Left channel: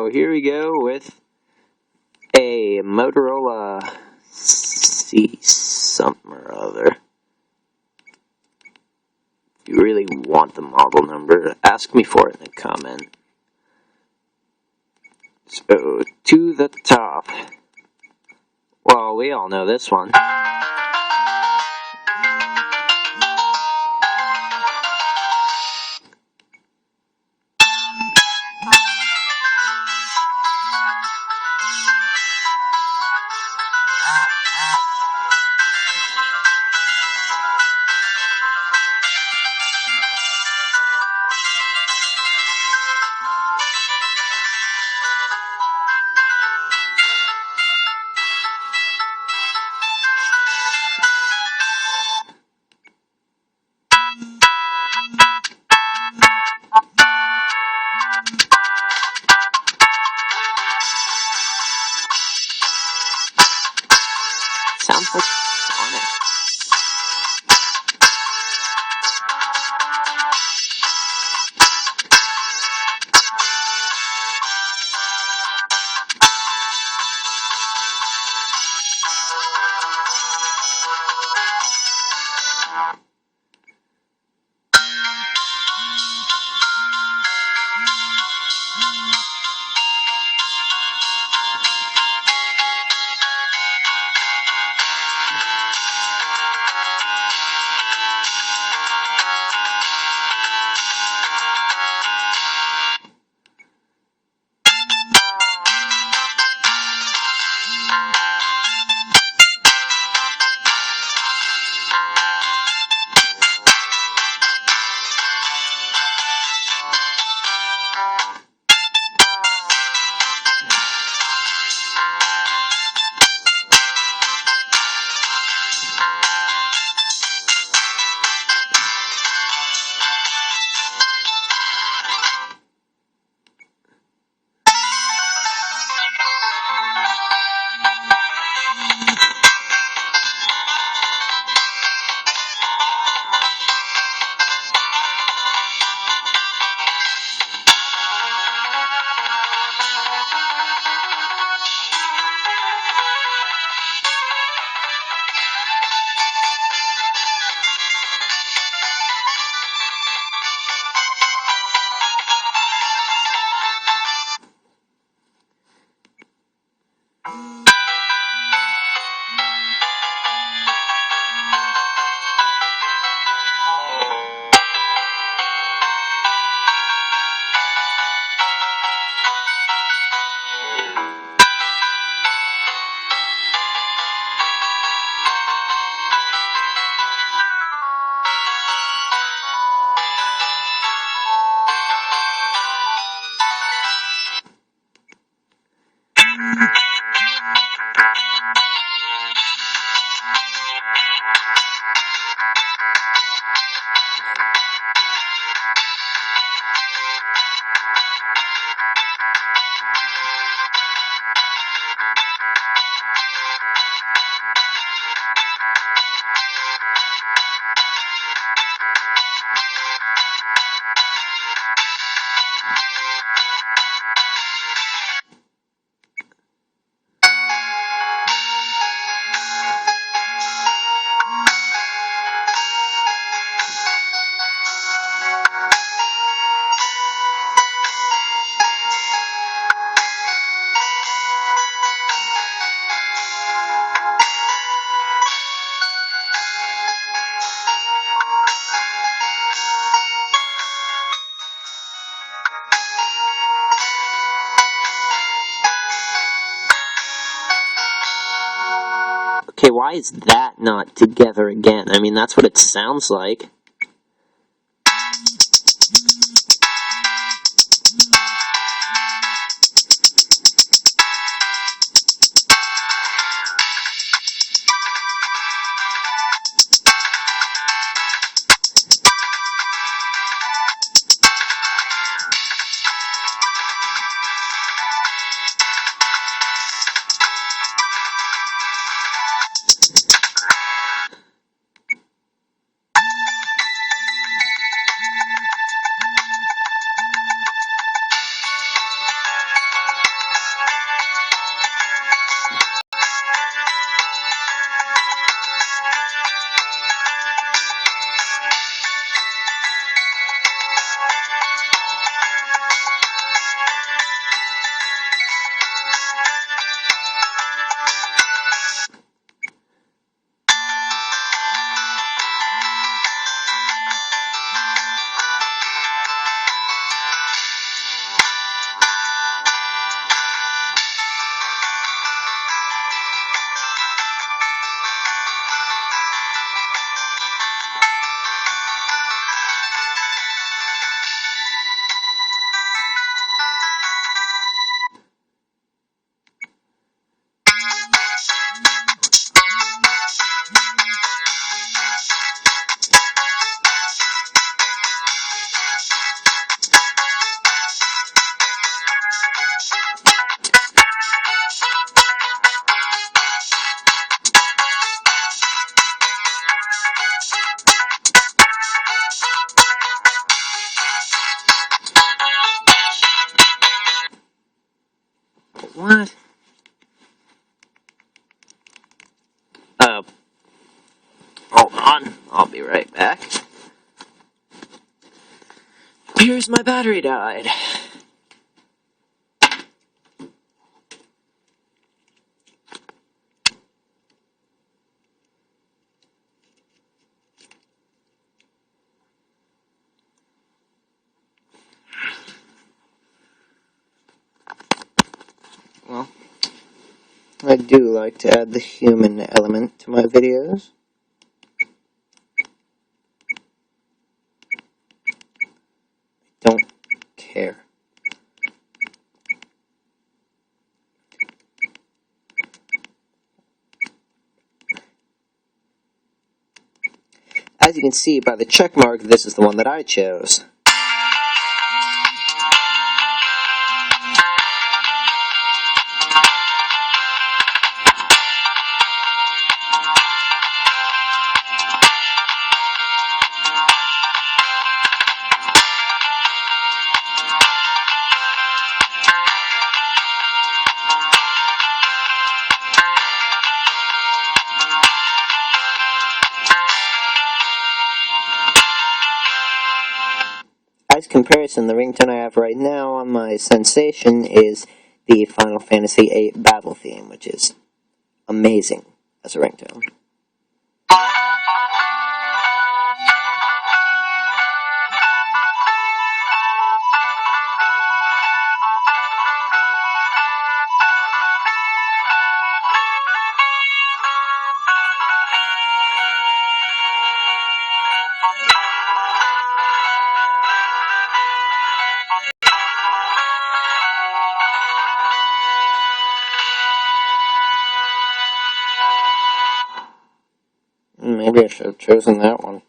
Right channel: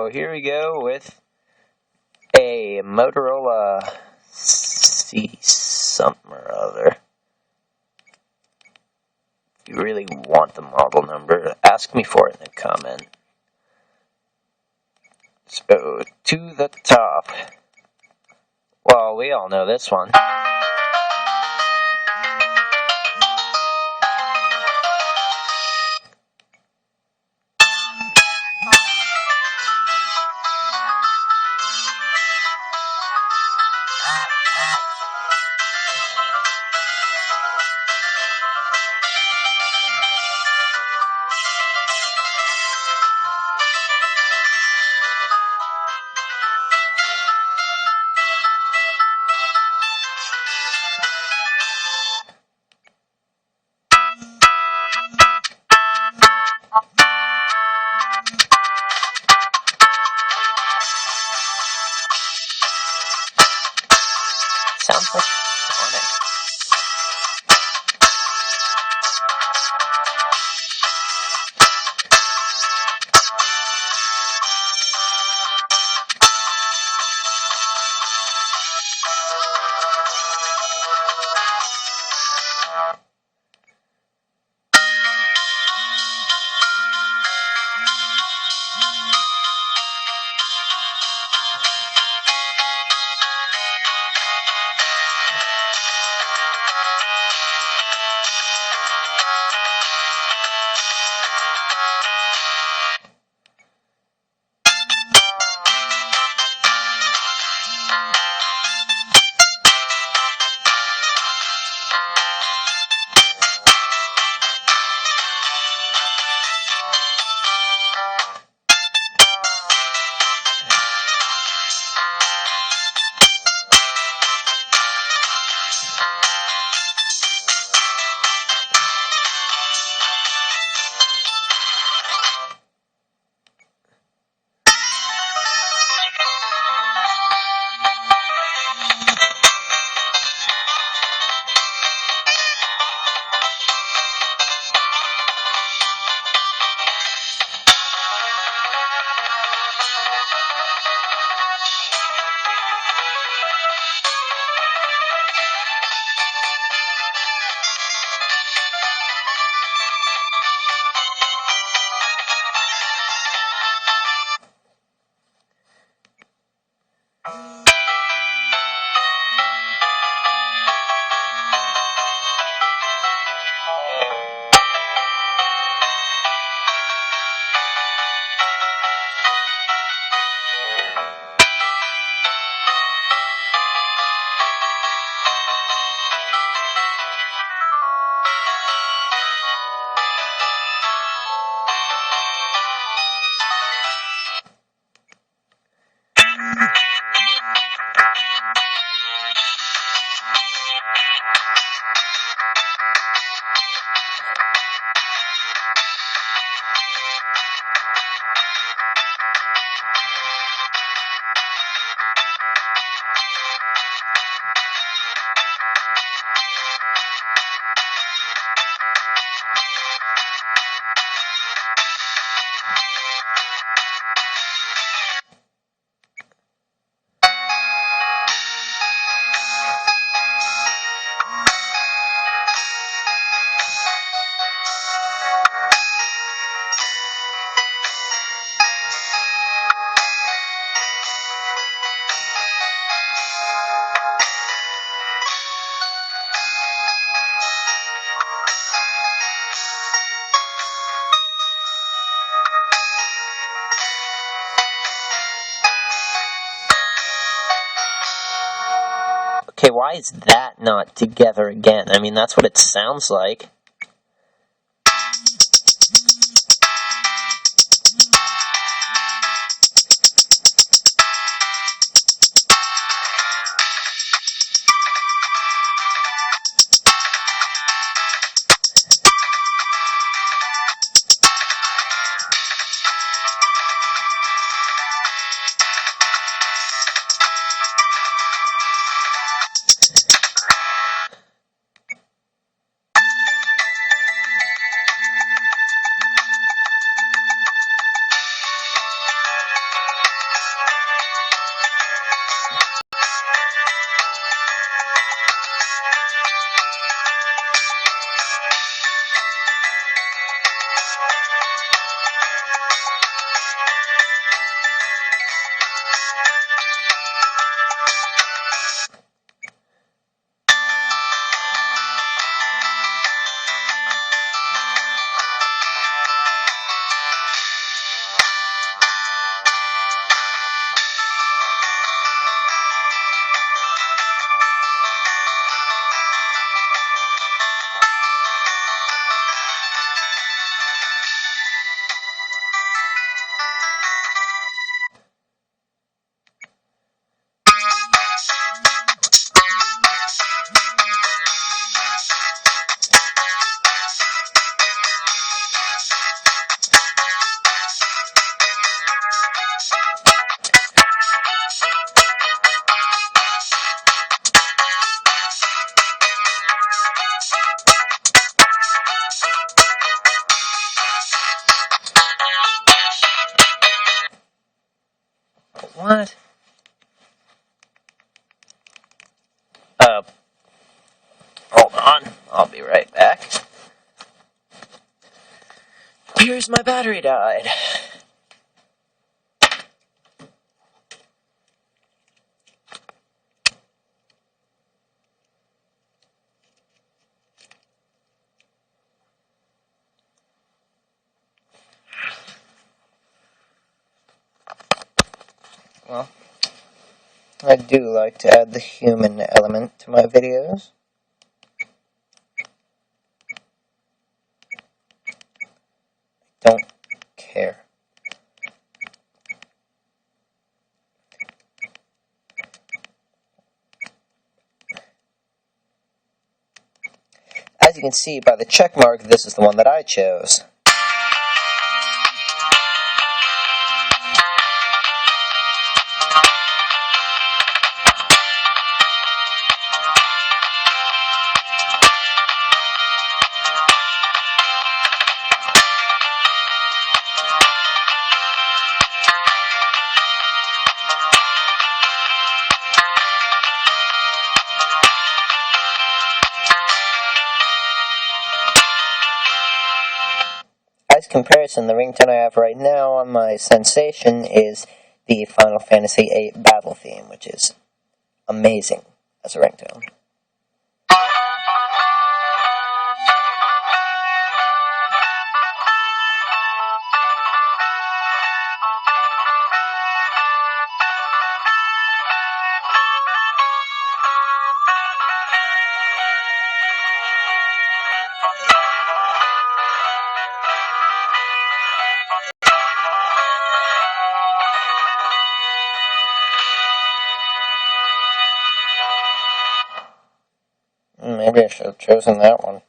So here we go with a Motorola C something or other. If you really want the model number, ask me for it in the comment. So to the top. Well, we all know this one. Sounds like Sonic. Okay, why is that not together again? I mean, that's what it sounds like. What? Hold on. I'll be right back. Here's my battery died. Well, I do like to add the human element to my videos. Don't care. As you can see by the check mark, this is the one that I chose. As comparison, the ringtone I have right now on my Sensation is the Final Fantasy VIII battle theme, which is amazing as a ringtone. Maybe I should have chosen that one.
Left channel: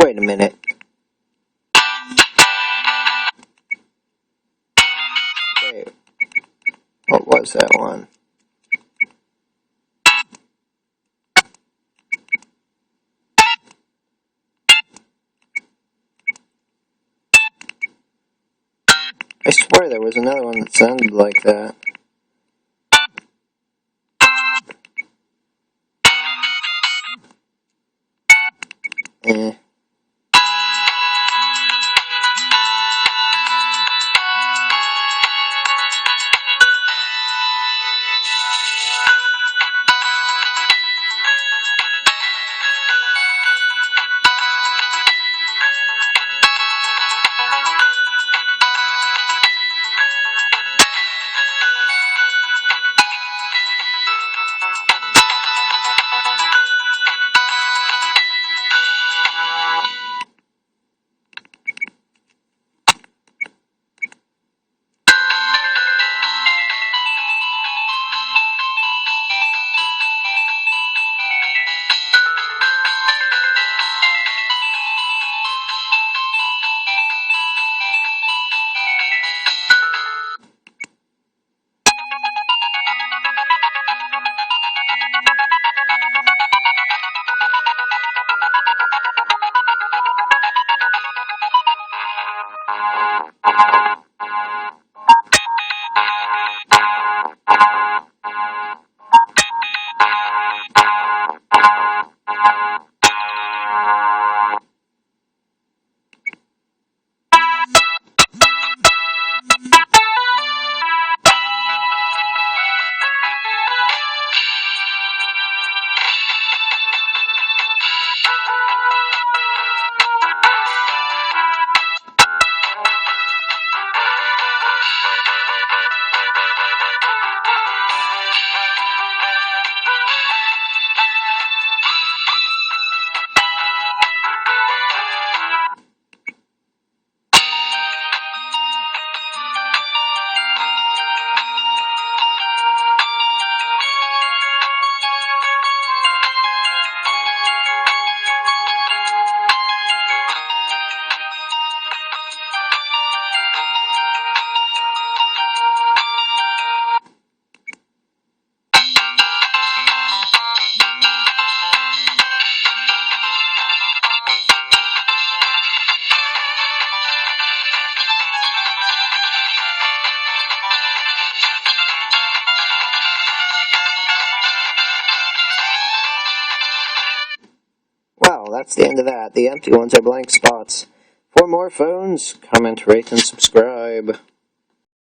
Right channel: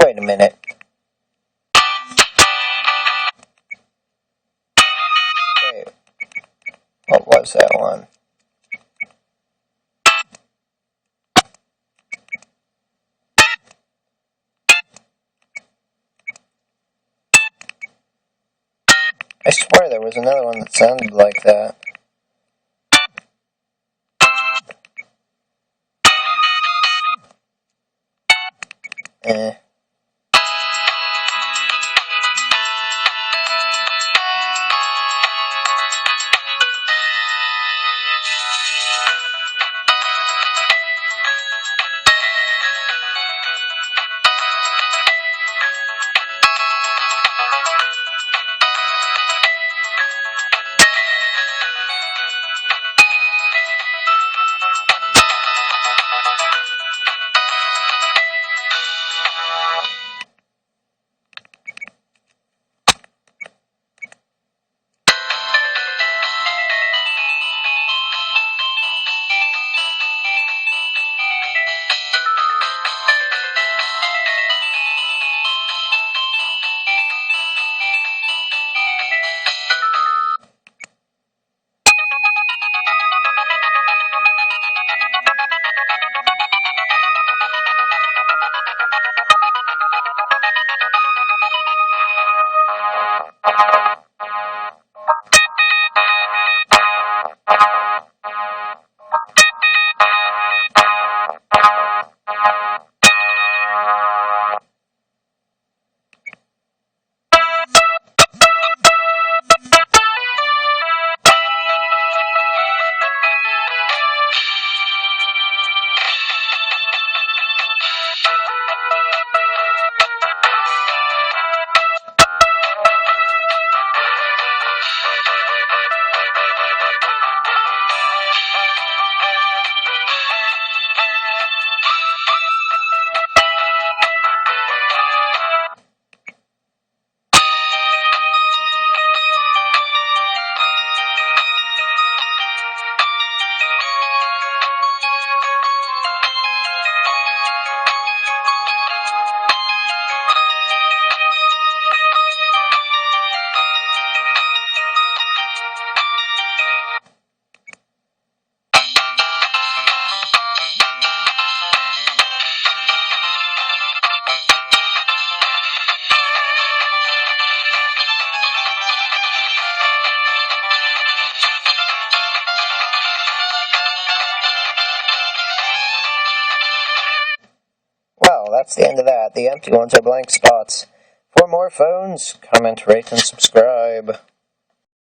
Wait a minute. Wait. What was that one? I swear there was another one that sounded like that. Eh. Well, that's the end of that. The empty ones are blank spots. For more phones, comment, rate, and subscribe.